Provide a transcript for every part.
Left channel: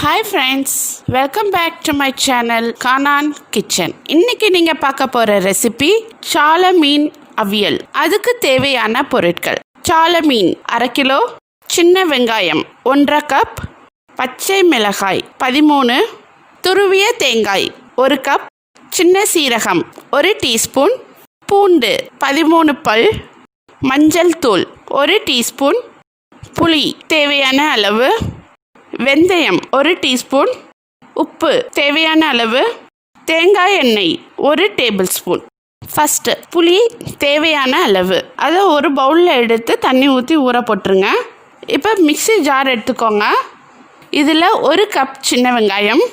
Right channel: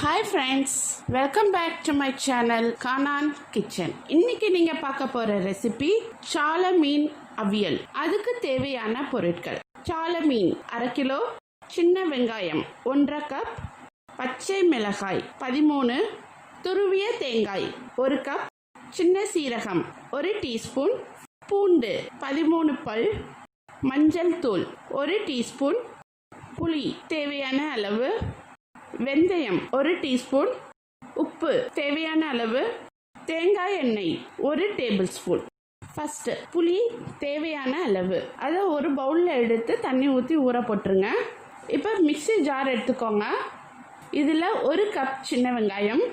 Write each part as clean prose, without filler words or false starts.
Hi friends, welcome back to my channel Kanan Kitchen. இன்னைக்கு நீங்க பார்க்க போற ரெசிபி சாலை மீன் அவியல். அதுக்கு தேவையான பொருட்கள்: சாலை மீன் 1/2 கிலோ, சின்ன வெங்காயம் 1/2 கப், பச்சை மிளகாய் 13, துருவிய தேங்காய் 1 கப், சின்ன சீரகம் 1 டீஸ்பூன், பூண்டு 13 பல், மஞ்சள் தூள் 1 டீஸ்பூன், புளி தேவையான அளவு, வெந்தயம் 1 டீஸ்பூன், உப்பு தேவையான அளவு, தேங்காய் எண்ணெய் 1 டேபிள் ஸ்பூன். ஃபஸ்ட்டு புளி தேவையான அளவு, அதை ஒரு பவுலில் எடுத்து தண்ணி ஊற்றி ஊற போட்டுருங்க. இப்போ மிக்ஸி ஜார் எடுத்துக்கோங்க. இதில் 1 கப் சின்ன வெங்காயம்,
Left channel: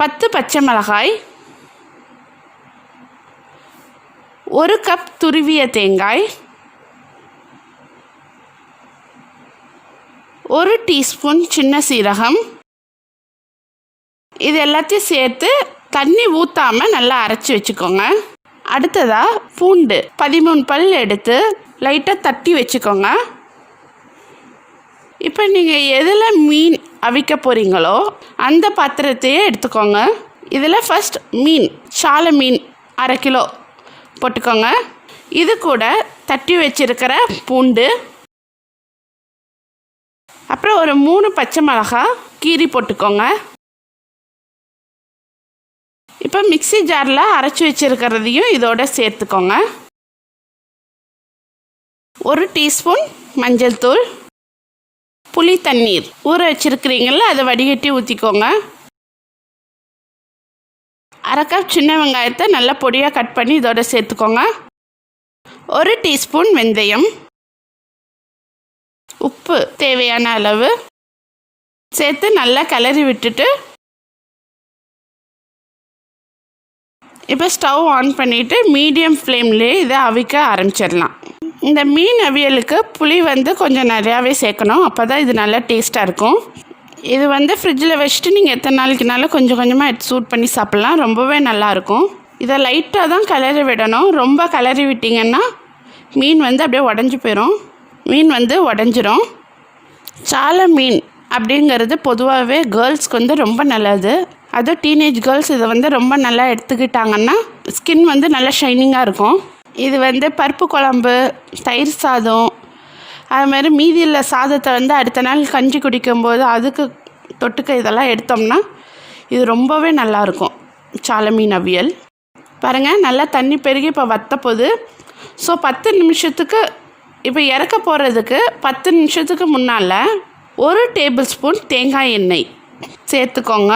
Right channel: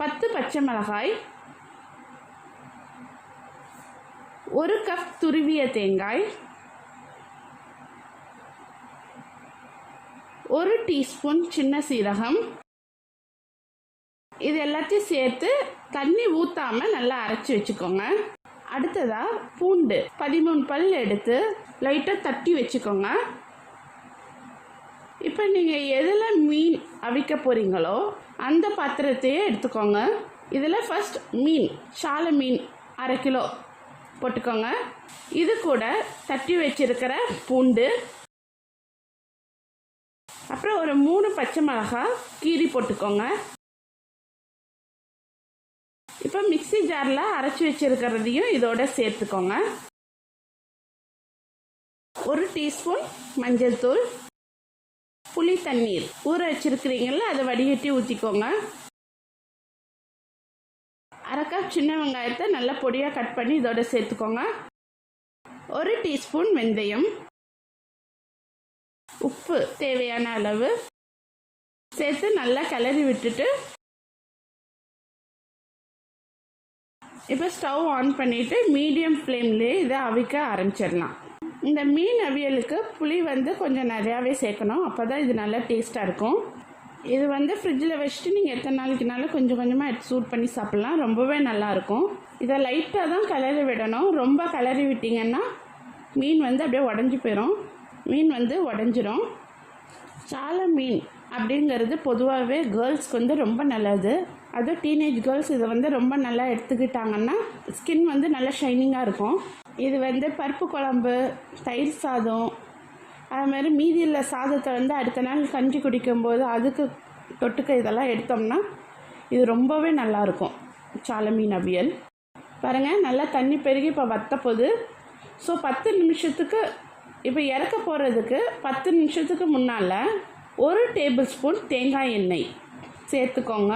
10 பச்சை மிளகாய், 1 கப் துருவிய தேங்காய், 1 டீஸ்பூன் சின்ன சீரகம், இது எல்லாத்தையும் சேர்த்து தண்ணி ஊற்றாமல் நல்லா அரைச்சி வச்சுக்கோங்க. அடுத்ததாக பூண்டு 13 பல் எடுத்து லைட்டாக தட்டி வச்சுக்கோங்க. இப்போ நீங்கள் எதில் மீன் அவிக்க போகிறீங்களோ அந்த பாத்திரத்தையே எடுத்துக்கோங்க. இதில் ஃபஸ்ட் மீன் சாலை மீன் 1/2 கிலோ போட்டுக்கோங்க. இது கூட தட்டி வச்சுருக்கிற பூண்டு, அப்புறம் ஒரு 3 பச்சை மிளகாய் கீரி போட்டுக்கோங்க. இப்போ மிக்ஸி ஜாரில் அரைச்சி வச்சுருக்கிறதையும் இதோட சேர்த்துக்கோங்க. 1 டீஸ்பூன் மஞ்சள் தூள், புளி தண்ணீர் ஊற வச்சுருக்கிறீங்கள அதை வடிகட்டி ஊற்றிக்கோங்க. 1/2 கப் சின்ன வெங்காயத்தை நல்லா பொடியாக கட் பண்ணி இதோட சேர்த்துக்கோங்க. 1 டீஸ்பூன் வெந்தயம், உப்பு தேவையான அளவு சேர்த்து நல்லா கிளறி விட்டுட்டு இப்போ ஸ்டவ் ஆன் பண்ணிவிட்டு மீடியம் ஃப்ளேம்லேயே இதை அவிக்க ஆரம்பிச்சிடலாம். இந்த மீன் அவியலுக்கு புளி கொஞ்சம் நிறையாவே சேர்க்கணும், அப்போ தான் இது நல்லா டேஸ்ட்டாக இருக்கும். இது ஃப்ரிட்ஜில் வச்சுட்டு நீங்கள் எத்தனை நாளைக்குனாலும் கொஞ்சம் கொஞ்சமாக எடுத்து சூட் பண்ணி சாப்பிட்லாம், ரொம்பவே நல்லாயிருக்கும். இதை லைட்டாக தான் கிளறி விடணும், ரொம்ப கிளறி விட்டிங்கன்னா மீன் அப்படியே உடஞ்சி போயிடும், மீன் உடஞ்சிரும். சாலை மீன் அப்படிங்கிறது பொதுவாகவே கேர்ள்ஸ்க்கு ரொம்ப நல்லது. அதுவும் டீனேஜ் கேர்ள்ஸ் இதை ரொம்ப நல்லா எடுத்துக்கிட்டாங்கன்னா ஸ்கின் நல்லா ஷைனிங்காக இருக்கும். இது பருப்பு குழம்பு, தயிர் சாதம், அதுமாதிரி மீதியில் சாதத்தை அடுத்த நாள் கஞ்சி குடிக்கும்போது அதுக்கு தொட்டுக்க இதெல்லாம் எடுத்தோம்னா இது ரொம்பவே நல்லாயிருக்கும். சாலை மீன் அவியல் பாருங்கள், நல்லா தண்ணி பெருகி இப்போ வத்தப்போகுது. ஸோ 10 நிமிஷத்துக்கு இப்போ இறக்க போகிறதுக்கு 10 நிமிஷத்துக்கு முன்னால் 1 டேபிள் ஸ்பூன் தேங்காய் எண்ணெய் சேர்த்துக்கோங்க.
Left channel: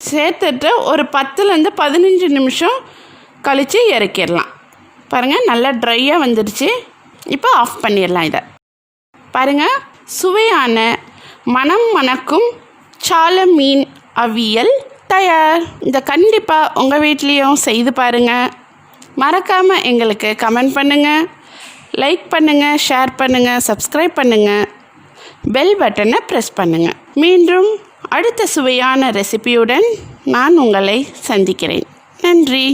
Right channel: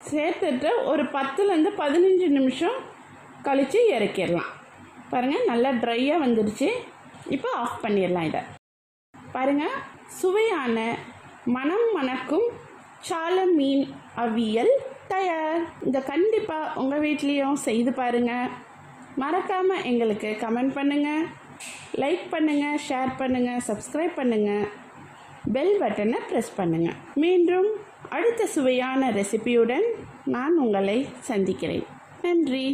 சேர்த்துட்டு ஒரு 10லேருந்து 15 நிமிஷம் கழித்து இறக்கிடலாம். பாருங்கள், நல்லா ட்ரையாக வந்துடுச்சு. இப்போ ஆஃப் பண்ணிடலாம். இதை பாருங்கள், சுவையான மனம் மணக்கும் சாலை மீன் அவியல் தயார். இதை கண்டிப்பாக உங்கள் வீட்லேயும் செய்து பாருங்கள். மறக்காமல் எங்களுக்கு கமெண்ட் பண்ணுங்கள், லைக் பண்ணுங்கள், ஷேர் பண்ணுங்கள், சப்ஸ்கிரைப் பண்ணுங்கள், பெல் பட்டனை ப்ரெஸ் பண்ணுங்கள். மீண்டும் அடுத்த சுவையான ரெசிபியுடன் நான் உங்களை சந்திக்கிறேன். நன்றி.